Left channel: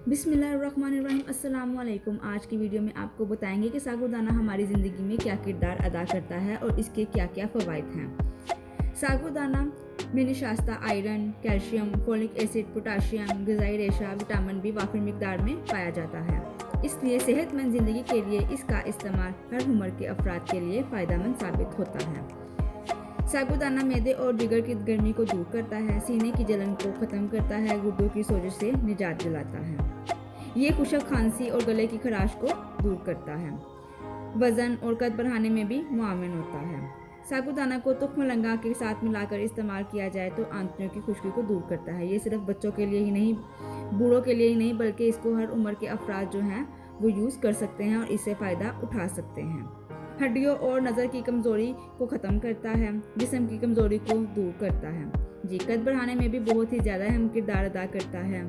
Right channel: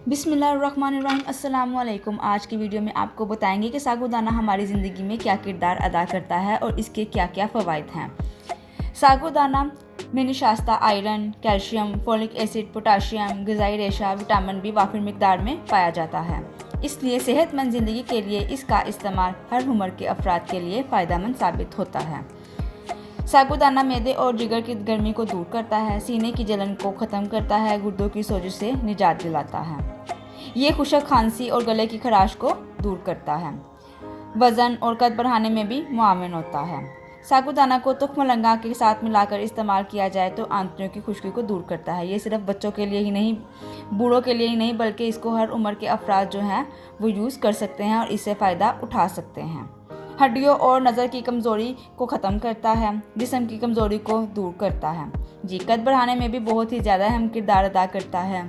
बिस्मिल्लाहिर्रहमानिर्रहीम। अस्सलामुअलैकुम। आज की वीडियो में आपको बताएंगे कि साबूदाना हमारी ज़िंदगी में क्या किरदार अदा करता है और इसके क्या क्या फ़वाइद हैं। साबूदाना में निशास्ता iron, calcium, folic acid, potassium, ग़िज़ाई रेशा, विटामिन बी वाफिर मिकदार में पाया जाता है। इसलिए सेहतमंद ज़िंदगी के लिए इसका इस्तेमाल हर उम्र के अफराद के लिए फ़ायदेमंद साबित होता है। साबूदाना मैदे और जिगर की गर्मी को दूर करता है, सीने की जलन को ख़त्म करता है, गुर्दों की सोजिश से निजात दिलाता है। ये खुशक खांसी और गले की खराश को दूर करता है। वज़न और कद बढ़ाने में भी मुआविन होता है। साबूदाना को तुख्म लंगा के साथ मिलाकर इस्तेमाल किया जाए तो आंतड़ियों की खुश्की को दूर करता है। ये सिर्फ बच्चों के लिए ही नहीं, बूढ़ों के लिए ही नहीं, बल्कि इसको हर उम्र के अफराद जो हैं वो यूज़ कर सकते हैं और इससे फ़ायदा उठा सकते हैं। हड्डियों और नज़र की कमज़ोरी को ख़त्म करता है, जिस्म की कमज़ोरी को दूर करता है। जी, कद बढ़ाने में भी बहुत ही ज़्यादा अहम किरदार अदा करता है।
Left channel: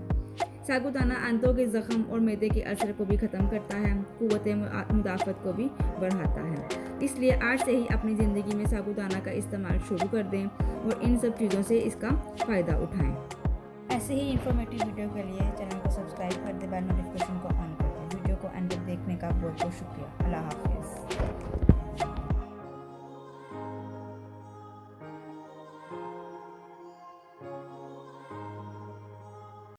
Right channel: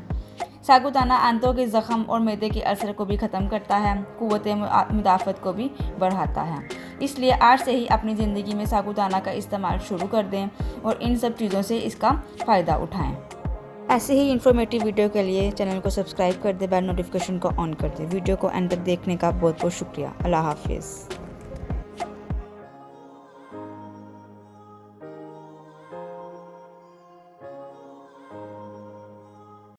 साबूदाना आंतों के ज़ख़म और मैदे के अल्सर को भी ख़त्म करता है, क़ुव्वत मुदाफ़त को भी बढ़ाता है। इसलिए आज से ही अपनी ज़िंदगी में साबूदाना का इस्तेमाल शुरू कर दें और इन सब चीज़ों से इसका फ़ायदा उठाएँ। ऐसे ही इन्फॉर्मेटिव वीडियो के लिए चैनल को सब्सक्राइब कर दें, बेल नोटिफिकेशन को ऑन कर दें। वीडियो को एंड तक देखने का बहुत बहुत शुक्रिया। अल्लाह हाफ़िज़।